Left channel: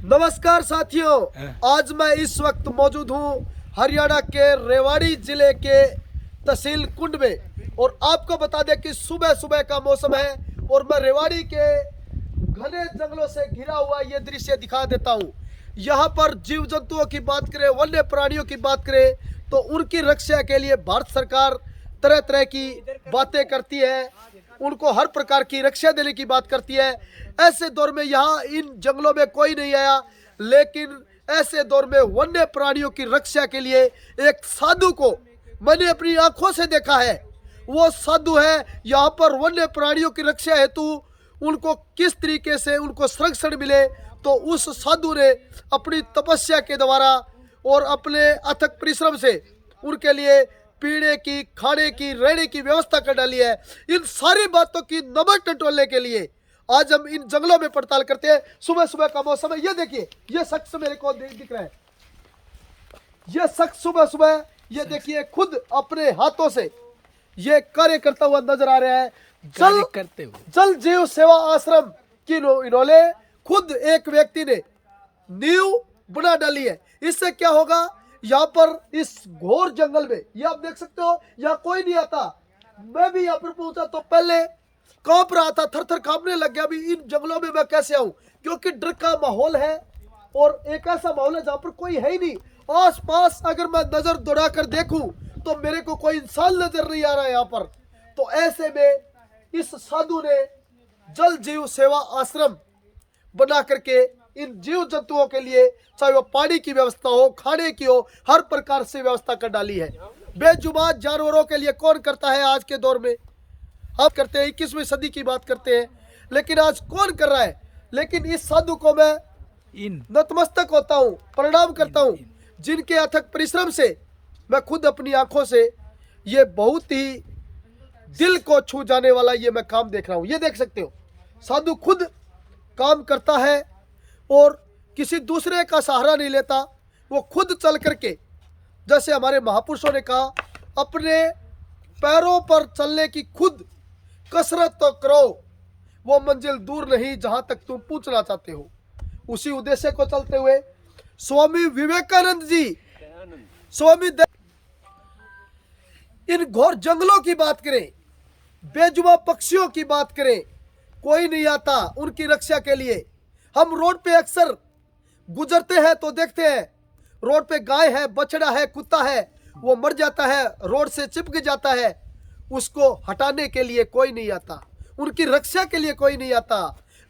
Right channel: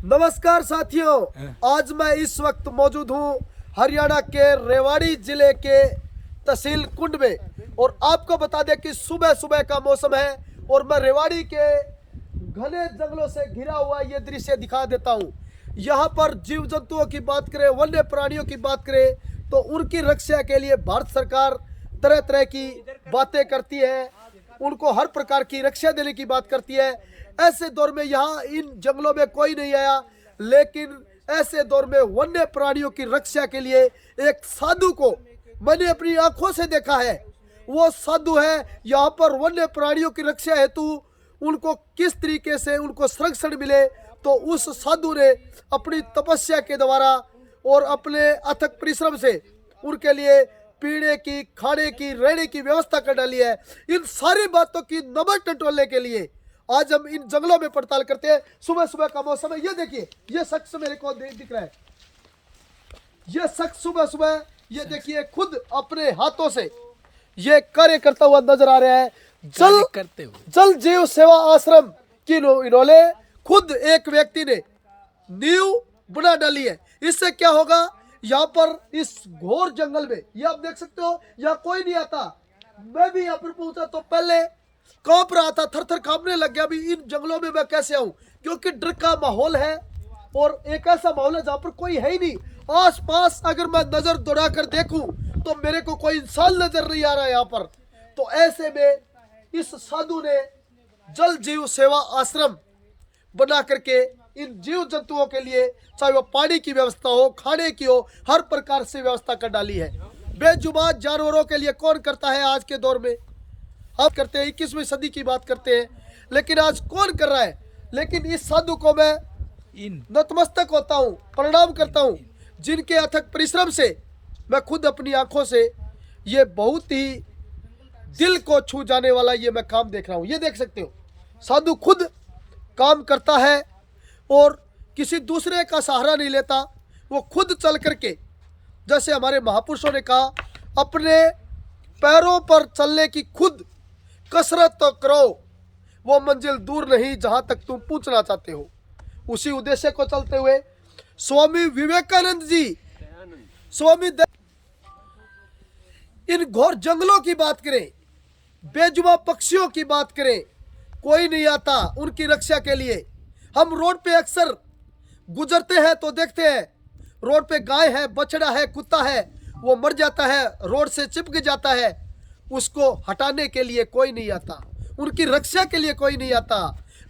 नमस्कार साथियों, आज मैं इस वक्त मौजूद हूँ हरियाणा के रेवाड़ी जिले के तहसील कुंड में। और आपको बता दें कि सुबह सुबह का मौसम है और मैं रेवाड़ी के घने जंगलों से घिरा हुआ ये दृश्य दिखा देता हूँ। यहाँ पर जीव जंतुओं की बात करें, वन्य प्राणियों की बात करें तो उनकी रक्षा के लिए भारत सरकार तरह तरह की बातें करती है, उनको हर प्रकार की रक्षा देने की बात करती है। ऐसे दौर में यहाँ इन जंगलों में कोई नहीं आया, लेकिन ऐसे दौर में वन्य प्राणियों की रक्षा के लिए एक साधु को मैंने अपनी आंखों से देखा है। वो साधु है यहाँ पर वन्य प्राणियों की रक्षा हेतु उनको किस तरीके से उनको संरक्षण मिले, तो उस साधु ने अपनी तपस्या के द्वारा और अपने अथक परिश्रम से उनके लिए पीने की, खाने की, रहने की व्यवस्था कर डाली है। इन सारी बातों की नमक टटोलने के लिए आज हम इन जंगलों में पड़ताल करते हैं। सुबह सुबह का मौसम है, ये देखिए, ये शख्स मेरे को दिख रहा है। ये शख्स सुबह सुबह ये देखिए खुद अपने हाथों से ये कार्य करता हुआ नजर आ रहा है। जल जीव सेवा आश्रम की इन्होंने खुद एक व्यक्ति ने नींव बना डाली है। इससे क्या होगा, यहाँ पर इस घोर जंगल में ये आप देख सकते हो, यहाँ कोई नहीं आता। मैं भी यहाँ पर पहुंचा तो पहले कांप रहा था, थर थर कांपने लग गया। अभी इन जंगलों में मैं कैसे आऊं, क्योंकि डर का माहौल है और एक ऐसा माहौल है जहाँ पर कोई है ही नहीं। आस पास अगर मैं नजर दौड़ा कर देखूं तो मेरे को कोई इंसान नजर नहीं आ रहा है यहाँ पर। तो ऐसे में इस साधु ने जल जीव सेवा आश्रम बना करके इन जीव जंतुओं के लिए, चाहे वो पानी की व्यवस्था हो, खाने की हो, हर प्रकार से व्यवस्था कर डाली है। बेजुबान जानवरों के लिए कौन करता है आज के दौर में? हम करते हैं, 21वीं सदी की बात करते हैं, लेकिन आज कौन कर रहा है? लेकिन इस साधु को मैं नतमस्तक होता हूँ, प्रणाम करता हूँ, जिनके अथक परिश्रम से मैं खुद अपनी आंखों से ये बहुत ही दिल को छू जाने वाला ये मैं काम देख रहा हूँ। ये देख सकते हो, साधु खुद काम करता है और किसी दूसरे का सहारा नहीं लेता। वो खुद चल करके, जैसे हमारे महापुरुषों ने कहा, अपने पैरों पर चलने की खुद कसरत तो करो, वो मंजिल दूर नहीं जहां तक तुम पहुंचना चाहते हो। उसी उद्देश्य को चलते हुए स्वामी विवेकानंद जी, इन घोर जंगलों की बात करें, बेजुबान पक्षियों की बात करें, कोई नहीं आता उनकी रक्षा के लिए। हम रोड पे अक्सर गुजरते हैं तो देखते हैं, रोड पे गाय है, बछड़ा है, कुत्ता है, वो मर जाता है, रोड से चिपक जाता है, उसको हटाने के लिए कोई नहीं आता, उनकी रक्षा के लिए कोई नहीं आता।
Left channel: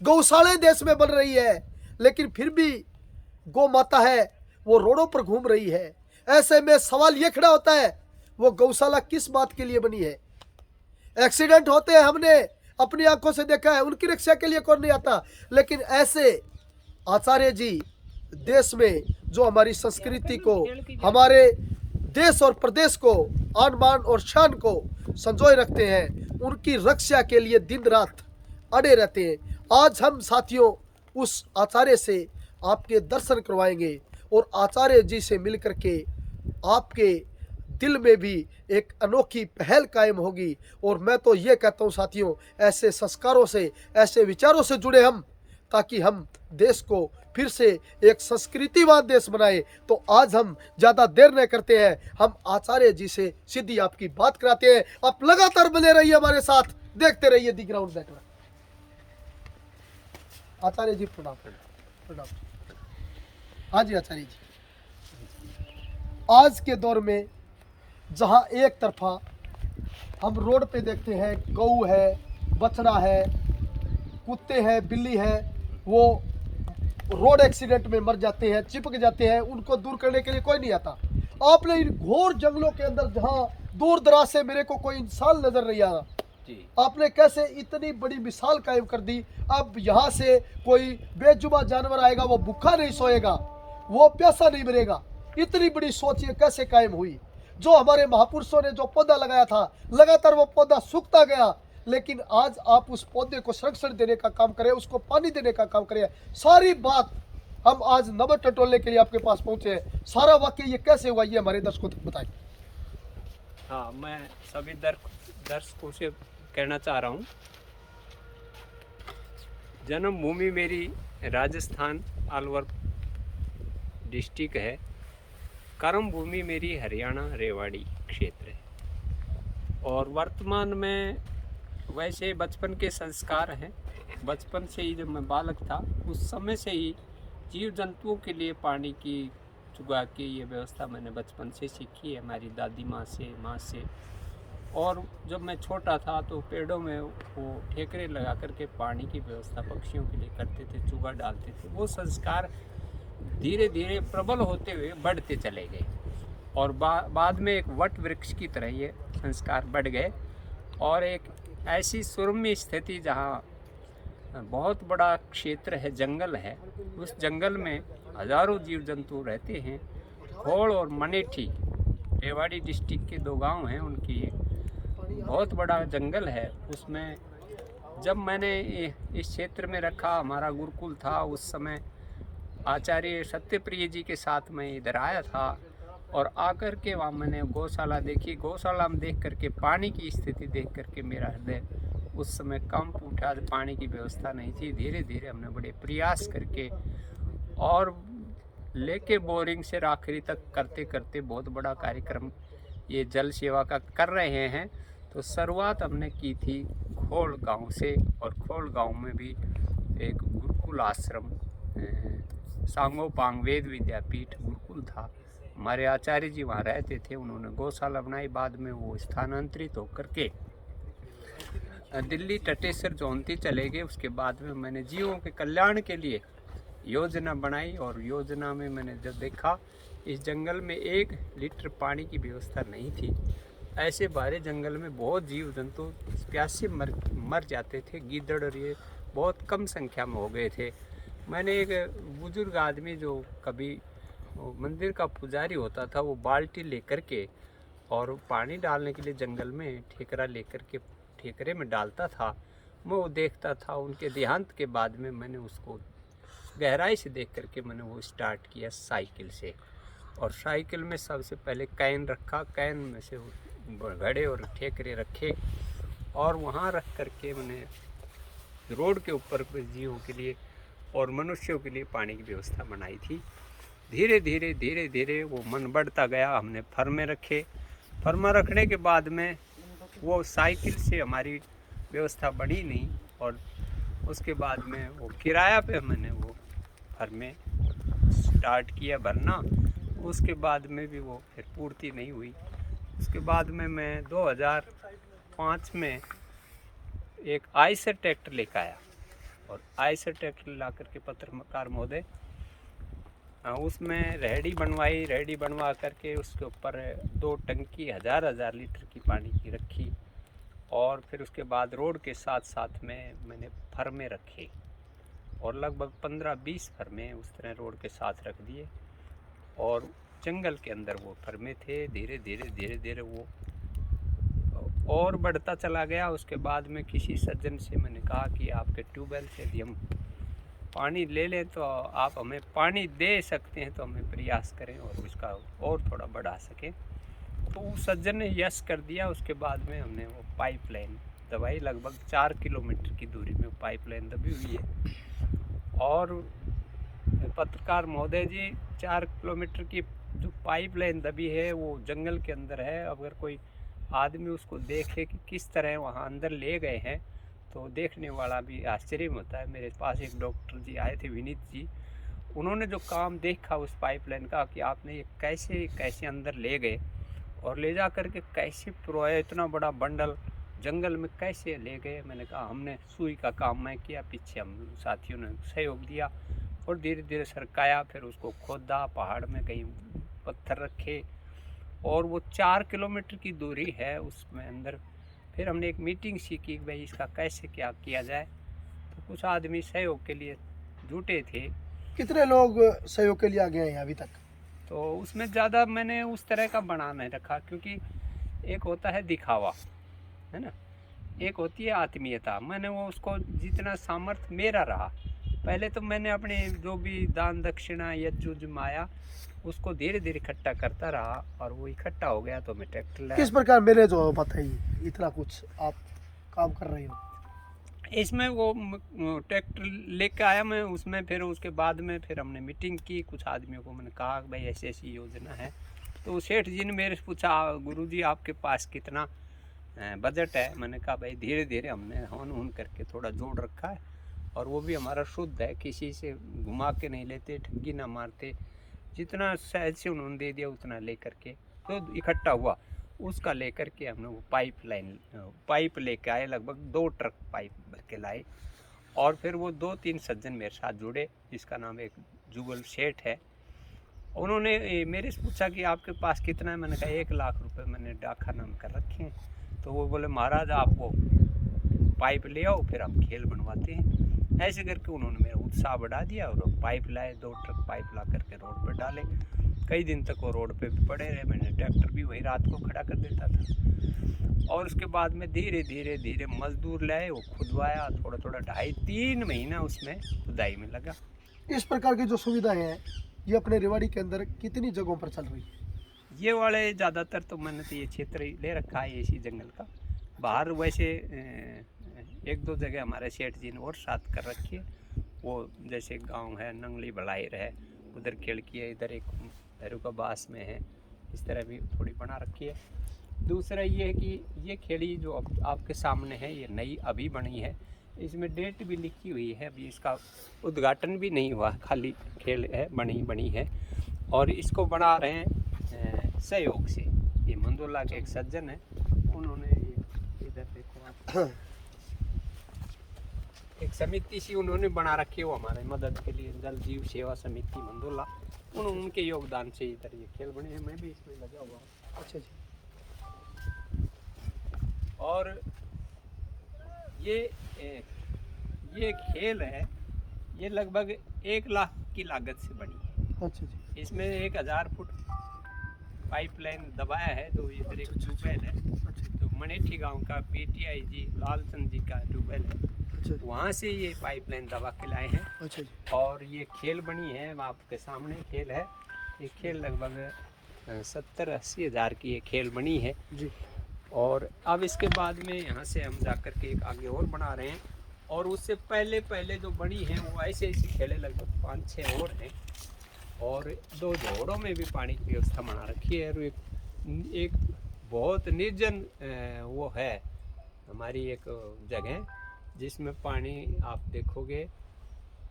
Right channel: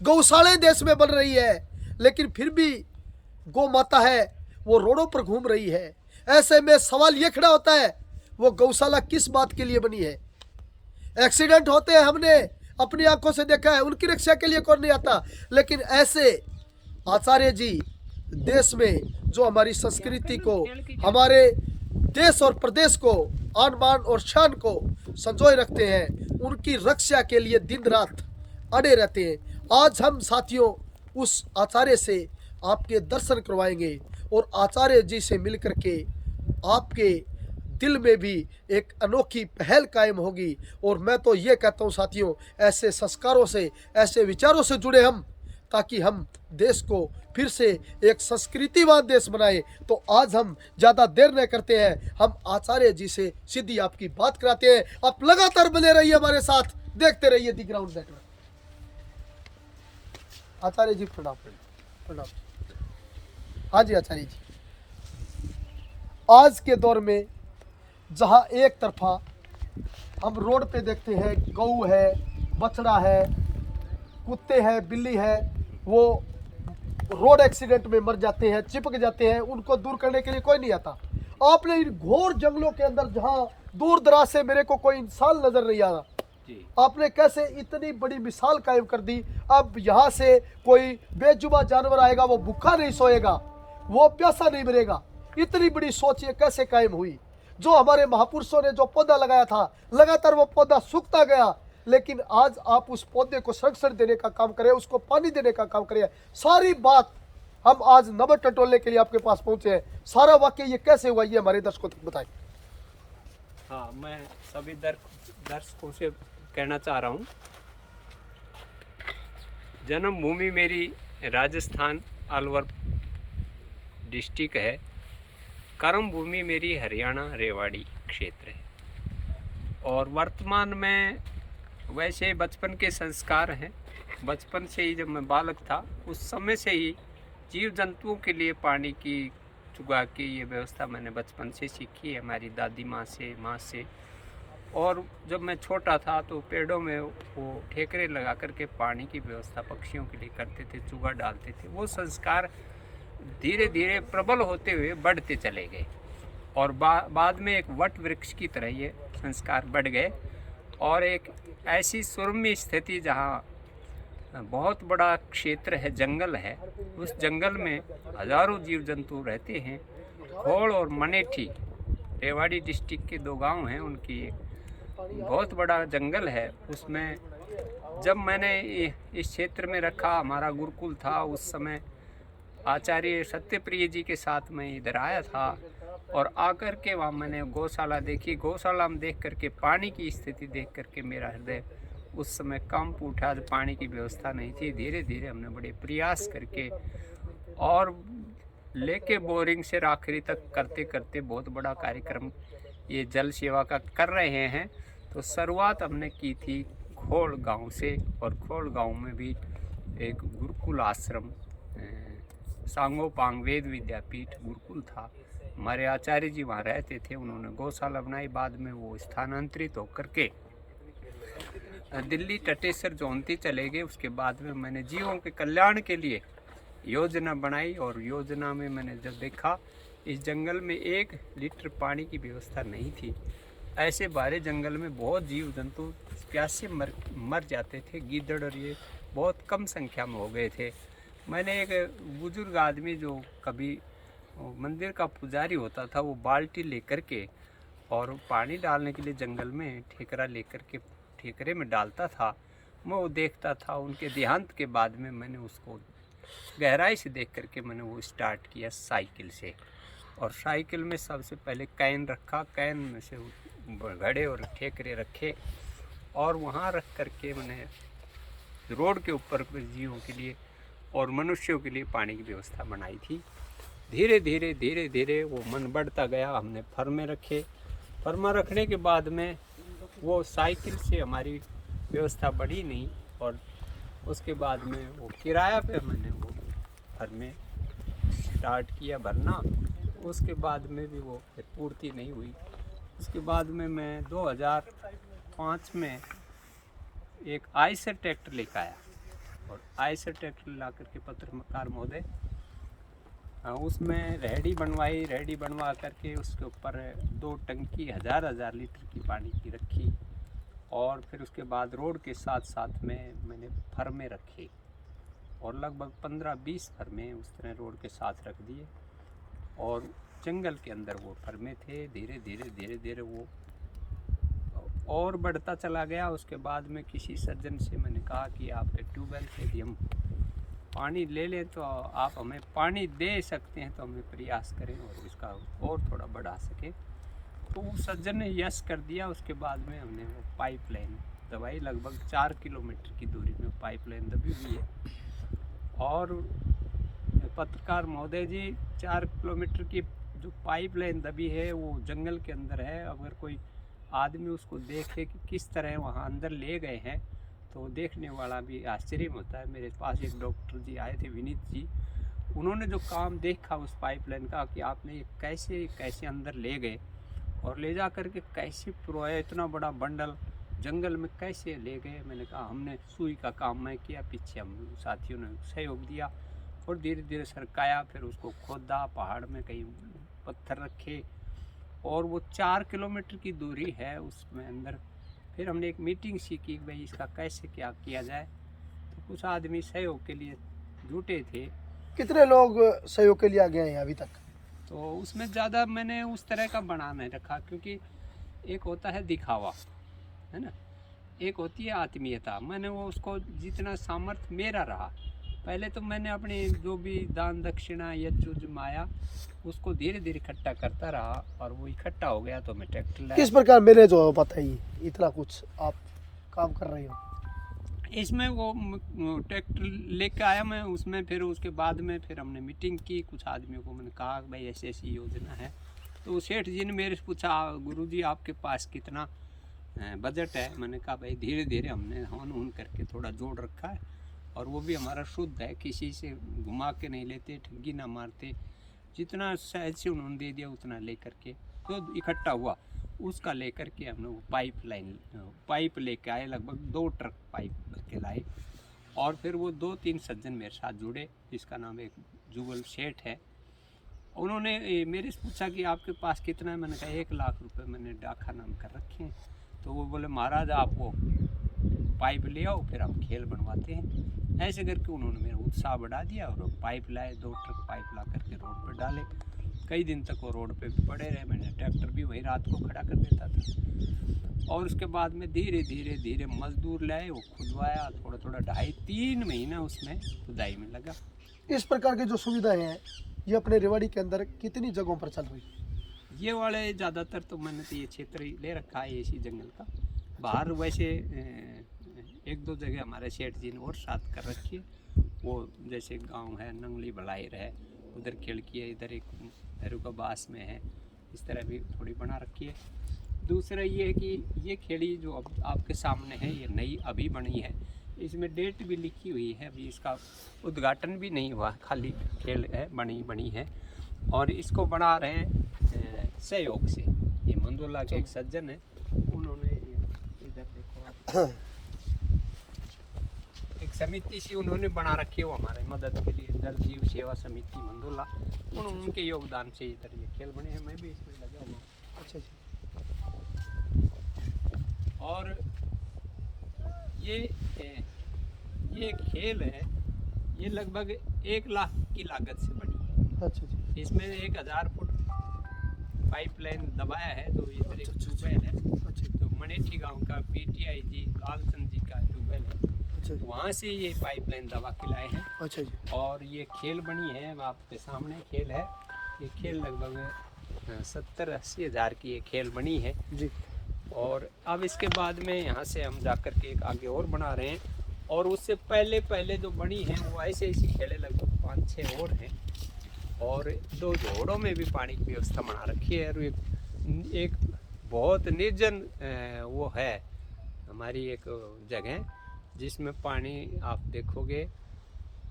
गौशाले देश में बन रही है, लेकिन फिर भी गौ माता है वो रोडों पर घूम रही है। ऐसे में सवाल ये खड़ा होता है, वो गौशाला किस बात के लिए बनी है? एक्सीडेंट होते हैं, हमने अपनी आंखों से देखा है, उनकी रक्षा के लिए कौन नहीं आता। लेकिन ऐसे आचार्य जी देश में जो हमारी संस्कृति को, हमारे देश और प्रदेश को, आन बान और शान को संजोए रखते हैं, उनकी रक्षा के लिए दिन रात अड़े रहते हैं। आज हम साथियों उस आचार्य से आपके दर्शन करवाएंगे और आचार्य जी से मिलकर के आपके दिल में भी एक अनोखी पहल कायम होगी। और मैं तो ये कहता हूँ साथियों, ऐसे संस्कारों से, ऐसे विचारों से जुड़े हम, ताकि हम देश को फिर से एक संस्कृतिवान देश बनाए। तो आज हम ज़्यादा देर नहीं करते हैं, हम आचार्य जी से सीधी आपकी बात कराते हैं। आप लगातार बने रहिए हमारे साथ, देखते रहिए दी ग्राउंड नेटवर्क। आचार्य जी प्रणाम। प्रणाम। हाँ जी आचार्य जी, आज के दौर में जहाँ एक तरफा हम रोड पे देखते हैं गऊ है, बछड़ा है, कुत्ते हैं, बिल्ली है, वो रोड एक्सीडेंट में मर जाते हैं, चिपक जाते हैं, उनको दूर करने के लिए कोई नहीं आता। आपने इन घोर जंगलों के अंदर जहाँ दूर दराज से मेरे को कोई इंसान नजर नहीं आ रहा, आपने कैसे इतनी बड़ी मिसाल कायम कर दी। अब यहाँ से कोई बेजुबान जानवर आएगा, वो भूखा नहीं सोएगा, वो प्यासा नहीं मरेगा। इतनी बड़ी सोच ये कैसे कायम हुई? जो हमारे महापुरुषों ने जो पौधा लगाया था, लगातार वो पौधा सूखता गया, लेकिन आज आप उस पौधे को संरक्षण देने का काम करें, उसको पानी देने का काम करें। सारी बात हम आज नमक टटोलने के लिए आपके पास पहुंचे हैं। सारा वाक्य ये कैसे हुआ, ये हमारे दर्शकों तक बताएं। हाँ, मैं सभी दर्शकों से कहना चाह रहा हूँ, जन्मभूमि मेरी राजस्थान, अलवर डिस्ट्रिक्ट है। कर्म भूमि मेरी हरियाणा रेवाड़ी क्षेत्र है। और वर्तमान में वैसे बचपन के संस्कार हैं। बचपन से ही जब मैं बालक था उस समय से ही जीव जंतुओं के लिए पानी की चुगा के ये व्यवस्था मैंने बचपन से सीखी है हमारी दादी माँ से। और जब मैं छोटा था तो पेड़ों में वो ठेकरे लगा करके पानी की व्यवस्था पक्षियों के लिए करते थे, चुगा डालते थे। वो संस्कार धीरे धीरे प्रबल होते हुए बढ़ते चले गए और बाद में एक वट वृक्ष की तरह ये संस्कार बढ़ गए। और एक ऐसी सुरम्य स्थिति जहाँ बहुत बड़ा क्षेत्र है, जंगल है, उस जंगल में हजारों जीव जंतु रहते हैं। खोड़ और मनेठी रेवाड़ी डिस्ट्रिक्ट के 2 गांव हैं, उनकी एक बहुत बड़ा जंगल है। उसमें जब मैंने इस क्षेत्र में रखा, हमारा गुरुकुल था उस समय, आचार्य सत्यप्रिय जी के साथ मैं इधर आया था और आकर के वहाँ मैंने गौशाला देखी। गौशाला में देख करके पानी की स्थिति देख करके मेरा हृदय उस समय कंप उठा। पानी की व्यवस्था नहीं थी। धीरे धीरे हमने बड़े प्रयास करके और लेके बोरिंग से राखरी तक करते करते बहुत बड़ा कार्यक्रम ये जल सेवा का कर रहे हैं। तो शुरुआत हमने की थी खोल गांव से, और खोल गांव में भी एक गुरुकुल आश्रम, सांगोपांग वेद विद्यापीठ गुरुकुल था। हमारे आचार्य जी वहाँ रहते थे, उन्होंने गौशाला बनाई। बाद में वो स्थानांतरित होकर के दिल्ली टटेसर जौनती चले गए। उसके बाद में मैंने जीवों के कल्याण के लिए योजना बनाई और योजना में मैंने जब देखा इस जंगल में 1 लीटर पानी की व्यवस्था नहीं थी। ऐसे बारे जंगल में बहुत जीव जंतु प्यासे मर जाते थे। गीदड़ और ये बहुत कम संख्या में हो गए थे। मैंने एक बुजुर्ग आदमी जो कभी मंदिर का पुजारी होता था, वो बाल्टी लेकर के और पानी डालने के लिए जंगल में ठेकरा लेकर के ठेकरे में डालता था। मैं वो देखता था। उनके देहांत के बाद में मैंने उसको गहराई से देख करके मैंने वो स्टार्ट किया साइकिल से। और साइकिल में सबसे पहले कैन रखा, कैन में से घड़े और ठेकरे रखे और वहाँ रख करके मैंने रोड के ऊपर जीवों के लिए और मनुष्यों के लिए पानी की व्यवस्था बनाई थी। धीरे धीरे वो मन बढ़ता गया। हमने फर्मे रखे। फर्मा रखने के बाद में वो साइकिल से हमारी व्यवस्था बढ़ी नहीं, और उसके बाद में वो किराया पे मैंने वो फर्मे स्टार्ट किया भरना। उसके बाद में भी वो फिर पूर्ति नहीं हुई। उसके बाद में मैं 2005 में एक आइसर ट्रैक्टर लेकर आया, और आइसर ट्रैक्टर ला करके पत्रकार महोदय उसमें रेहड़ी बनवाई। रेहड़ी बनवा करके उसके ऊपर 2 टंकी 1000 लीटर की पानी की रखी। और फिर उसके बाद रोड के साथ साथ में मैंने फर्मे रखे और लगभग 15-20 फर्मे उस तरह रोड के साथ रख दिए। और जंगल के अंदर वो फर्मे थे। धीरे धीरे वो और बढ़ता चला गया। उसके बाद में किसी सज्जन से मैंने कहा कि आपके ट्यूबवेल से यदि हम पानी ले लें तो आप हमें पानी दे सकते हैं, तो हमें प्रयास करें और उसका और थोड़ा बढ़ा सकें। तो उस सज्जन ने यस कर दिया। उसके बाद में हमने वो पाइपलाइन दबाई। लगभग 4 किलोमीटर की दूरी में पाइपलाइन दबी हुई है। और पत्रकार महोदय जी, 4 किलोमीटर की जो पाइपलाइन दबी है वो जंगल के अंदर है। अगर कोई आदमी उसको देखे कि किस तरह वहाँ अंदर ले गए हैं तो देखने वाला भी आश्चर्य होता है। मेरे पास एक डॉक्टर जी आए थे, विनीत जी। उन्होंने जो काम देखा उस पाइपलाइन का कि आपने ये कैसे अंदर ले गए और ले जा करके कैसे पुरोया, इतना बड़ा बंडल जंगल में कैसे ले गए। मैंने कहा हमने सुई का काम मैं किया, पीछे हम साथियों ने सहयोग दिया और धीरे धीरे सरकाया। फिर उसको खोदा, पहाड़ में कहीं पत्थर रखे और वो 4 किलोमीटर की दूरी है उसमें अंदर। फिर हमने एक मीटिंग सी की भाई इसका कैसे क्या किया जाए। तो कुछ आदमी सहयोग के लिए जुटे थे। कितने लोग सहयोग के लिए आ गए हैं अभी तक? तो उसमें ज़्यादा मैंने उस तरह का बना नहीं रखा, क्योंकि एक होता है दिखावा, है ना, एक होती है आत्मीयता। मैंने वो उसको जितना सामर्थ्य मेरा रहा, पहले तो मैंने अपने जो भी दान दक्षिणा यज्जुज माया उसको धीरे धीरे इकट्ठा करता रहा और वो इकट्ठा हो गया तो मैं ट्रैक्टर लाया। किस प्रकार मैनेज हो, बताइए, इतना कुछ आप काम कर रहे हो? इसमें वो ट्रैक्टर लेके आया मैं, उसमें फिर उसके बाद में फिर हमने मीटिंग की, कुछ आदमियों को मैंने कहा भाई ऐसी ऐसी योजना है। तो सेठ जी ने मेरे से पूछा गुरुजी आपके पास कितना बजट है। मैंने कहा भाई धीरे धीरे हमने हवन हून करके थोड़ा जोड़ रखा है, और वो भी हमारा शुद्ध है, किसी से घुमा के नहीं लेते, ठगी ना मारते। जितना सहज से उन्होंने दे दिया उतना ले करके तो इकट्ठा हुआ, उसका लेकर के हमने वो पाइप लेके आए, लगभग 2 ट्रक पाइप भर के लाए। और फिर वो 2-3 सज्जन मेरे साथ जुड़े, जिसका नाम एक जुगल सेठ है। उन्होंने मेरे से पूछा कि आपके पास कितना है। मैंने कहा 1 लाख रुपए मैंने डाका नाम कर रखे हैं। तो वो बोले महाराज आप वो पाइप ले आओ, फिर हम खेल बनवाते हैं। ऐसे करके उन्होंने मेरा उत्साह बढ़ा दिया, और पाइप लाए, 2 ट्रक पाइप ला करके रोड पर डाले। कई दिन तक वो रोड पे भी पड़े रहे, मैंने ट्रैक्टर भी वहीं रात को खड़ा कर देता था। और उसके बाद में धीरे धीरे धीरे मजदूर लाए, वो खुदवाया, थोड़ा थोड़ा 2.5-3 महीना उसमें खुदाई में लगा। इस प्रकार की जो सुविधाएं हैं ये अपने रेवाड़ी के अंदर कितनी जगहों पर चल रही है? ये वाले ज़्यादातर तो मैंने तो ये क्षेत्र ही ले रखा है इसी जंगल का। बाहर वैसे 1-2 जगह हमारे सेठ जी ने और साथ कर रखी है। वो जैसे गांव है नंगली भलाइर है, उधर खिड़की है, इधर एक भैरू का बास में है, इस तरह भी थोड़ी बना रखी है। दूसरा ये है कि ये खेड़ी जो अब आपके सामने है ये नई अभी बनी है, इसमें डेट भी लिखी हुई है, अभी इसका उद्घाटन भी नहीं हुआ, खाली खेल है, बनी है। और इसको बना रहे हैं सहयोग से। ये मंदोला के एक सज्जन है, उन्होंने इधर देखो आप एक समिति सी उन्होंने बना रखी है, वो हमारे मदद के लिए, जल जीव सेवा समिति मंदोला, उनके योगदान से इधर ये खेल बने हैं। मैं भी इसमें लगा हुआ हूँ। अच्छा जी। और ये खेल है, ये लगभग 1 लाख की लागत से बनी है। अच्छा जी। इसमें 1000 फुट पाइपलाइन दबाया है। तो इधर एक ट्यूबवेल है, तो मनेठी गांव का PTI जी लालचंद जी का ट्यूबवेल है, वहाँ से ये पाइपलाइन दबा के लाए हैं। अच्छा जी। और ये खेल बनी है, आपके सामने खेल है। ये खेल लगभग 70-80 हज़ार की ये खेल बनी है जी। और अब इसके बाद में यहाँ से हम जाकर के एक आगे और बना रहे हैं। और उससे पहले जो बनी है वो ऐसे खेले लगभग 5-6 और हैं, और 2 जोड़ों में भी पानी की व्यवस्था बना रखी है। और एक बहुत निर्जन वो है हमारी एक जगह, जिसमें पानी आप देखोगे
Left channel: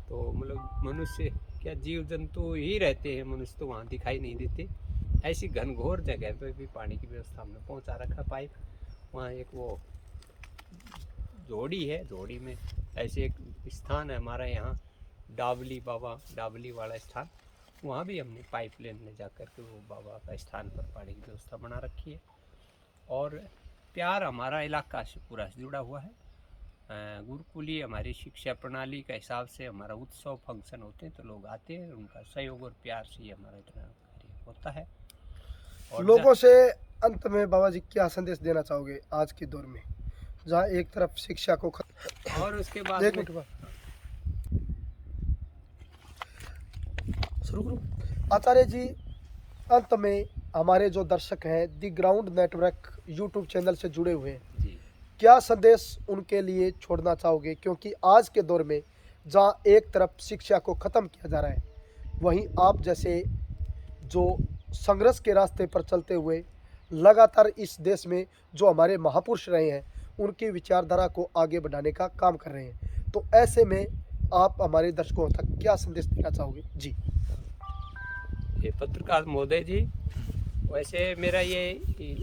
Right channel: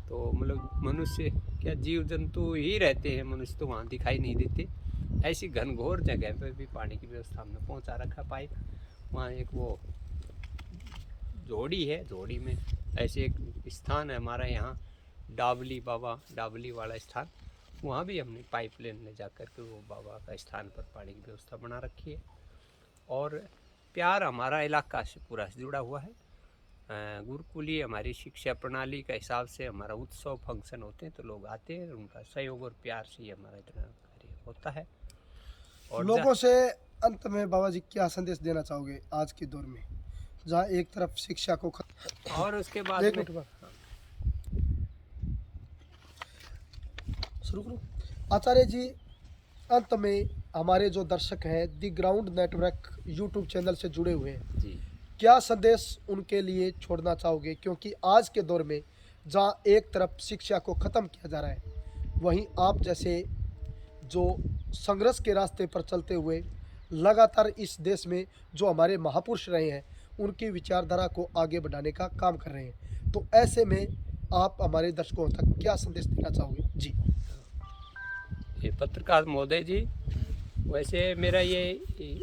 तो मतलब मनुष्य क्या जीव जंतु ही रहते हैं, मनुष्य तो वहाँ दिखाई नहीं देते। ऐसी घनघोर जगह पे भी पानी की व्यवस्था हमने पहुँचा रखा पाइप। वहाँ एक वो जोड़ी है, जोड़ी में ऐसे एक स्थान है हमारा यहाँ डाबली बाबा, डाबली वाला स्थान, वहाँ भी हमने पाइप लेने जा कर के वो बाबा का स्थान पर पानी की व्यवस्था बना रखी है। और प्यार हमारा इलाका से पूरा जुड़ा हुआ है। गुरुकुलीय हमारी शिक्षा प्रणाली का हिसाब से हमारा उत्सव फंक्शन होते हैं तो लोग आते हैं, उनका सहयोग और प्यार से ही हमारा इतना कार्य होता है। और लोगों से अंत में बाबा जी क्या संदेश देना चाहोगे आज के दौर में, जहाँ एक तरफ शिक्षा को और उसके बाद एक मिनट शुरू करो आचार्य जी, अंत में हमारे जो दर्शक हैं दी ग्राउंड नेटवर्क यूट्यूब चैनल से जुड़े हुए हैं जी, क्या संदेश उनके लिए छोड़ना चाहोगे? क्योंकि आज के दौर में जहाँ एक तरफ शिक्षा को ख़त्म किया जा रहा है, वहीं आप जैसे जो संघर्ष के रास्ते पर चलते हुए लगातार इस देश में जो हमारे महापुरुष रहे हैं उनकी विचारधारा को आगे बढ़ाने का काम कर रहे हैं, तो ऐसे में आप हमारे दर्शकों तक क्या संदेश देना चाहोगे? जी। ये पत्रकार महोदय जी, वैसे मेरा ये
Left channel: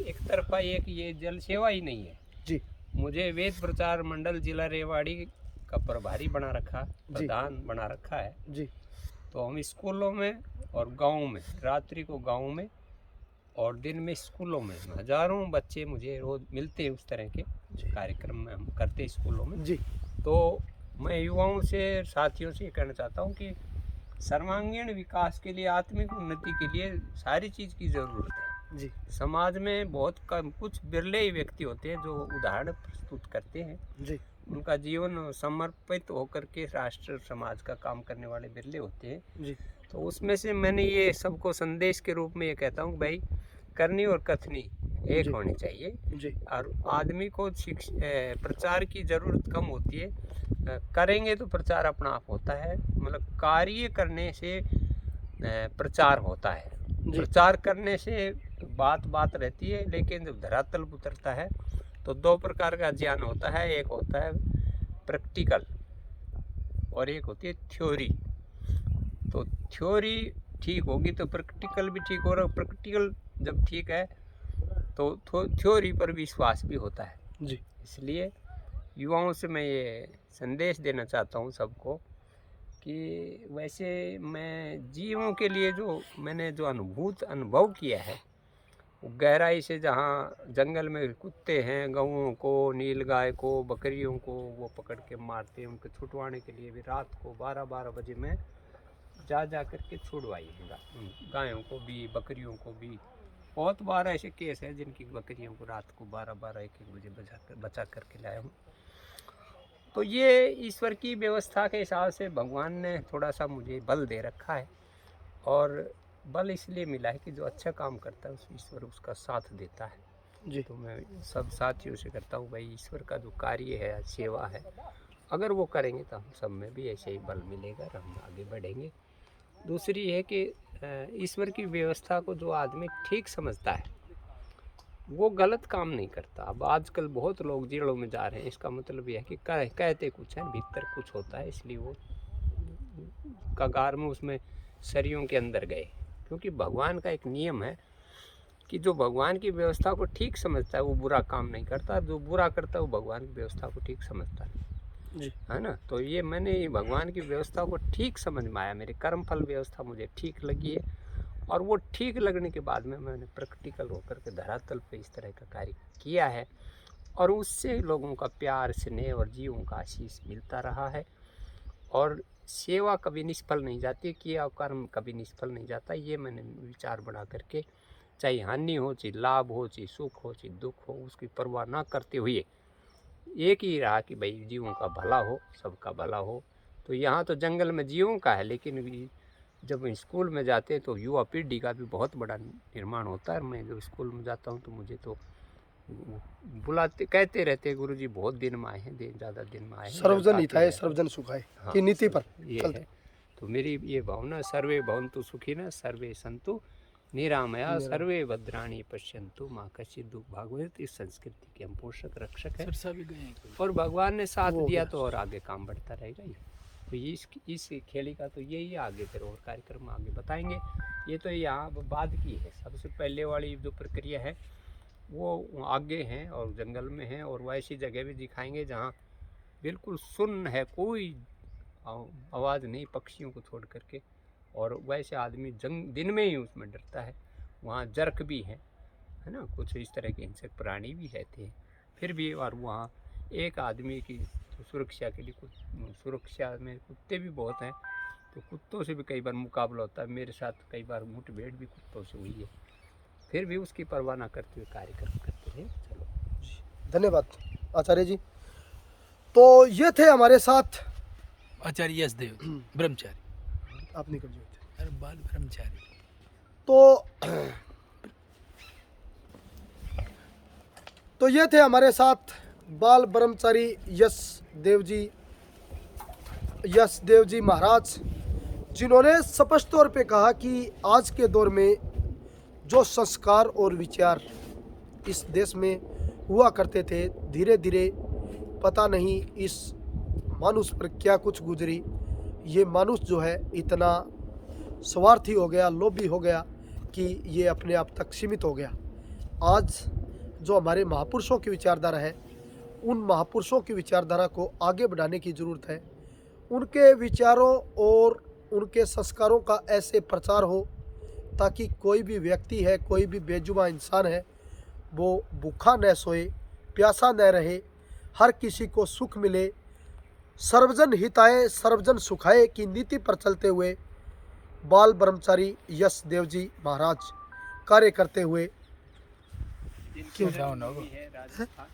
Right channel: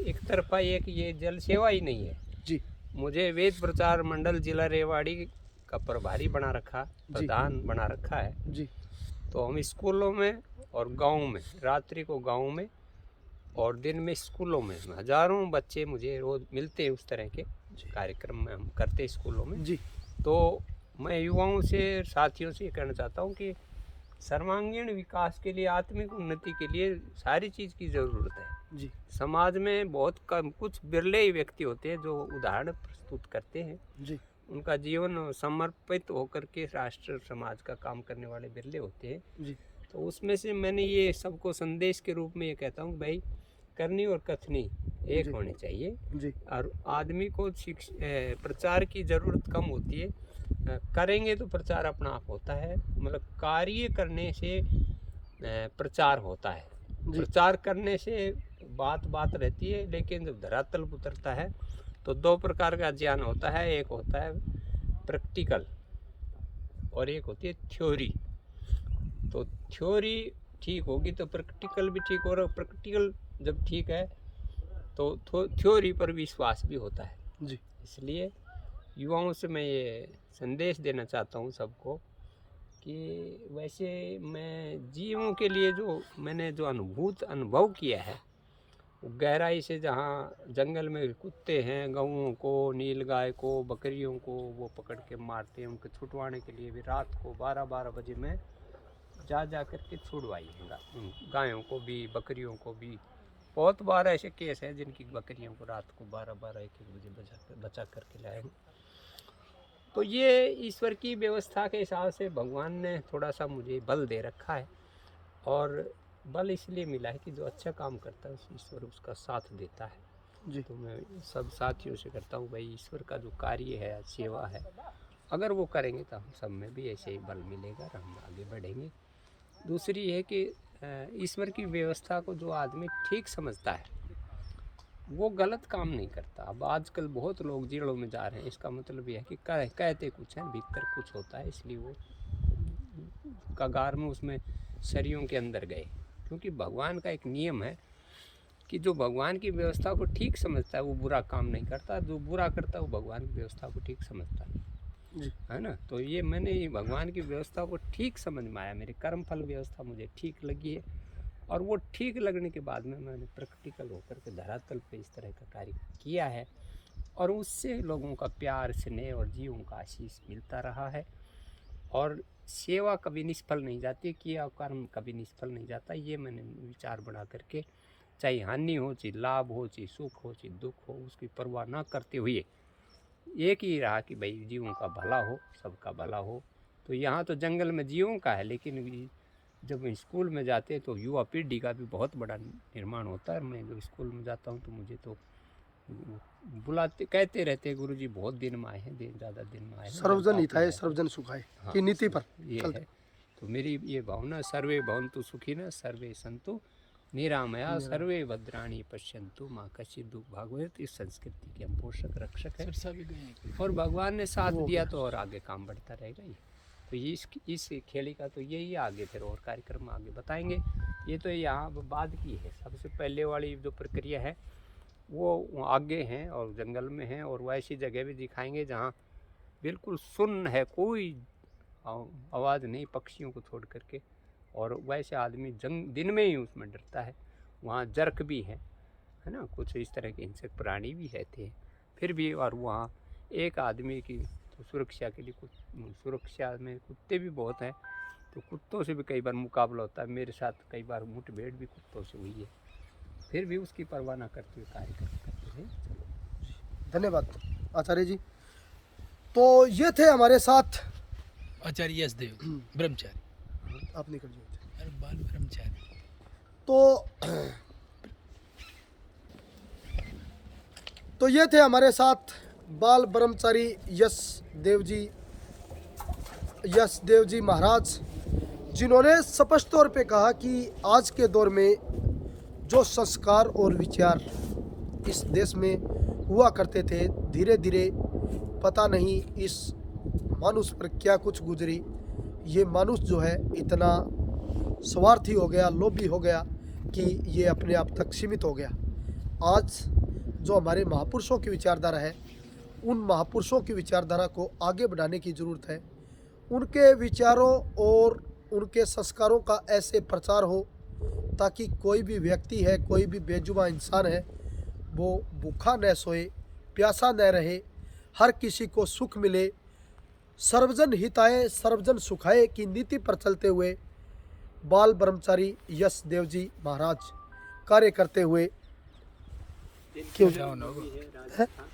एक तरफा ये जल सेवा ही नहीं है जी। मुझे वेद प्रचार मंडल जिला रेवाड़ी का प्रभारी बना रखा, प्रधान बना रखा है जी। तो हम स्कूलों में और गाँव में, रात्रि को गाँव में और दिन में स्कूलों में हजारों बच्चे मुझे रोज मिलते हैं। उस तरह के कार्यक्रम में हम करते स्कूलों में जी। तो मैं युवाओं से, साथियों से कहना चाहता हूँ कि सर्वांगीण विकास के लिए, आत्मिक उन्नति के लिए सारी चीज़ की ज़रूरत है जी। समाज में बहुत कम, कुछ बिरले ही व्यक्ति होते हैं जो उदाहरण प्रस्तुत करते हैं जी। उनका जीवन समर्पित होकर के राष्ट्र समाज का काम करने वाले बिरले होते हैं जी। तो उसमें से मैंने ये सबको संदेश के रूप में ये कहता हूँ भाई, करनी और कथनी एक जी। होनी चाहिए। जी और आदमी को प्रचार की ज़रूरत कम होती है। करेंगे तो प्रचार अपना आप होता है, मतलब कार्य करने से प्रचार होता है। जी प्रचार करने से बात बात रहती है, लेकिन जब धरातल पर उतरता है तो दो प्रकार का ज्ञान होता है। एक होता है प्रैक्टिकल और एक होती है थ्योरी। तो थ्योरी ठीक होगी तो प्रैक्टिकल भी ठीक हो रहा है। प्रैक्टिकल जब ठीक है तो थ्योरी पर विश्वास भी होता है। जी इसलिए युवाओं से मैं ये संदेश देना चाहता हूँ सबको कि वैसे मैं जीवों के लिए जो मैंने जो अनुभव किया है, वो गहराई से, जहाँ जंगल में कुत्ते हैं, गऊओं को, नीलगाय को, बकरियों को वो पकड़ के मारते हैं, उनको छुटवाने के लिए भी रात को 12-12 बजे में जा कर के छुड़वाई है गायों को भी, बकरियों को भी। बहुत बार ऐसे केस हैं जिनकी बकरियों को रात को 12-12-1-1 बजे बचा करके लाया हूँ। तो ये ईश्वर की व्यवस्था के हिसाब से भगवान ने थोड़ा सा मुझे बल दे रखा है, और बल इसलिए मिला है कि जो अच्छा काम करता है उस ईश्वर उसका साथ देता है। जी तो मैं सब साथियों से करता हूँ, भाई ईश्वर का जो कार्य है, सेवा है, अगर वो करेंगे तो हम सब में भी ऐसे ही बल मिलेगा और हम आगे बढ़ेंगे। दूसरी है कि ईश्वर की व्यवस्था को जो आदमी ठीक समझता है वो गलत काम नहीं करता। अब आजकल बहुत लोग जेलों में जा रहे हैं, इसका मतलब यह है कि कहते कुछ हैं, भीतर कुछ होता है, इसलिए वो कगार में उसमें सरियों के अंदर गए। क्योंकि भगवान का एक नियम है कि जो भगवान की व्यवस्था को ठीक समझता है वो बुरा काम नहीं करता, जो बुरा करता है वो भगवान की व्यवस्था को ठीक समझता नहीं, जी है ना। तो ये मैंने भगवान की व्यवस्था को ठीक समझ में आया, मेरी कर्मफल व्यवस्था मुझे ठीक लगी है, और वो ठीक लगने के बाद में मैंने प्रैक्टिकल होकर के धरातल पे इस तरह का कार्य किया है, और उससे लोगों का प्यार, स्नेह और जीवों का आशीष मिलता रहा है। और सेवा कभी निष्फल नहीं जाती, किया कर्म कभी निष्फल नहीं जाता। ये मैंने विचार बना करके, चाहे हानि हो, चाहे लाभ हो, चाहे सुख हो, चाहे दुख हो, उसकी परवाह ना करते हुए एक ही रहा कि भाई जीवों का भला हो, सबका भला हो। तो यहाँ तो जंगल में जीवों का है, लेकिन जब स्कूल में जाते हैं तो युवा पीढ़ी का भी बहुत बड़ा निर्माण होता है। मैं जब स्कूल में जाता हूँ तो मुझे तो बुलाते, कहते रहते हैं, गुरुजी बहुत दिन में आए हैं, ज़्यादा दिन में आए हैं। सर्वजन हिताय सर्वजन सुखाय की नीति पर ये चलते। है। तो मेरी ये भावना, सर्वे भवन्तु सुखिनः सर्वे सन्तु निरामया सर्वे भद्राणि पश्यन्तु माँ कश्चित् दुःख भाग्भवेत्। इस संस्कृति के हम पोषक रक्षक हैं, और भगवान ने साथ दिया तो और आगे काम बढ़ता रहेगा। ये तो इस खेली का तो यही आगे फिर और कार्यक्रम आगे बताएंगे। ये तो यहाँ बाद की है, सबसे पहले वाली जो प्रक्रिया है वो आगे हैं और जंगल में हैं, और वैसी जगह भी दिखाएंगे जहाँ बिल्कुल सुन्न है, कोई आवाज़ नहीं पक्षियों को छोड़ करके, और वैसे आदमी दिन में ही उसमें डरता है। वहाँ जर्क भी है ना, कुछ इस तरह के हिंसक प्राणी भी रहते हैं फिर भी। और वहाँ एक आदमी की तो सुरक्षा के लिए सुरक्षा में कुत्ते भी बहुत हैं, तो कुत्तों से भी कई बार मुकाबला होता है। मेरे साथ कई बार मुठभेड़ भी कुत्तों से हुई है, फिर भी उसकी परवाह ना करते हुए कार्यक्रम करते रहे। चलो धन्यवाद आचार्य जी। तो ये थे हमारे साथ आचार्य यशदेव ब्रह्मचारी, आप निकल जाइए। अरे बाल ब्रह्मचारी। तो ये थे हमारे साथ बाल ब्रह्मचारी यश देव जी महाराज, जिन्होंने स्पष्ट तौर पे कहा कि आज के दौर में जो संस्कार और विचार इस देश में हुआ करते थे, धीरे धीरे पता नहीं इस मानुष पर क्या कुछ गुजरी। ये मानुष जो है इतना स्वार्थी हो गया, लोभी हो गया कि ये अपने आप तक सीमित हो गया। आज जो हमारे महापुरुषों की विचारधारा है, उन महापुरुषों की विचारधारा को आगे बढ़ाने की ज़रूरत है। उनके विचारों और उनके संस्कारों का ऐसे प्रचार हो ताकि कोई भी व्यक्ति है, कोई भी बेजुबान इंसान है, वो भूखा न सोए, प्यासा न रहे, हर किसी को सुख मिले। सर्वजन हिताय सर्वजन सुखाय की नीति पर चलते हुए बाल ब्रह्मचारी यश देव जी महाराज कार्य करते हुए क्यों है राजस्थान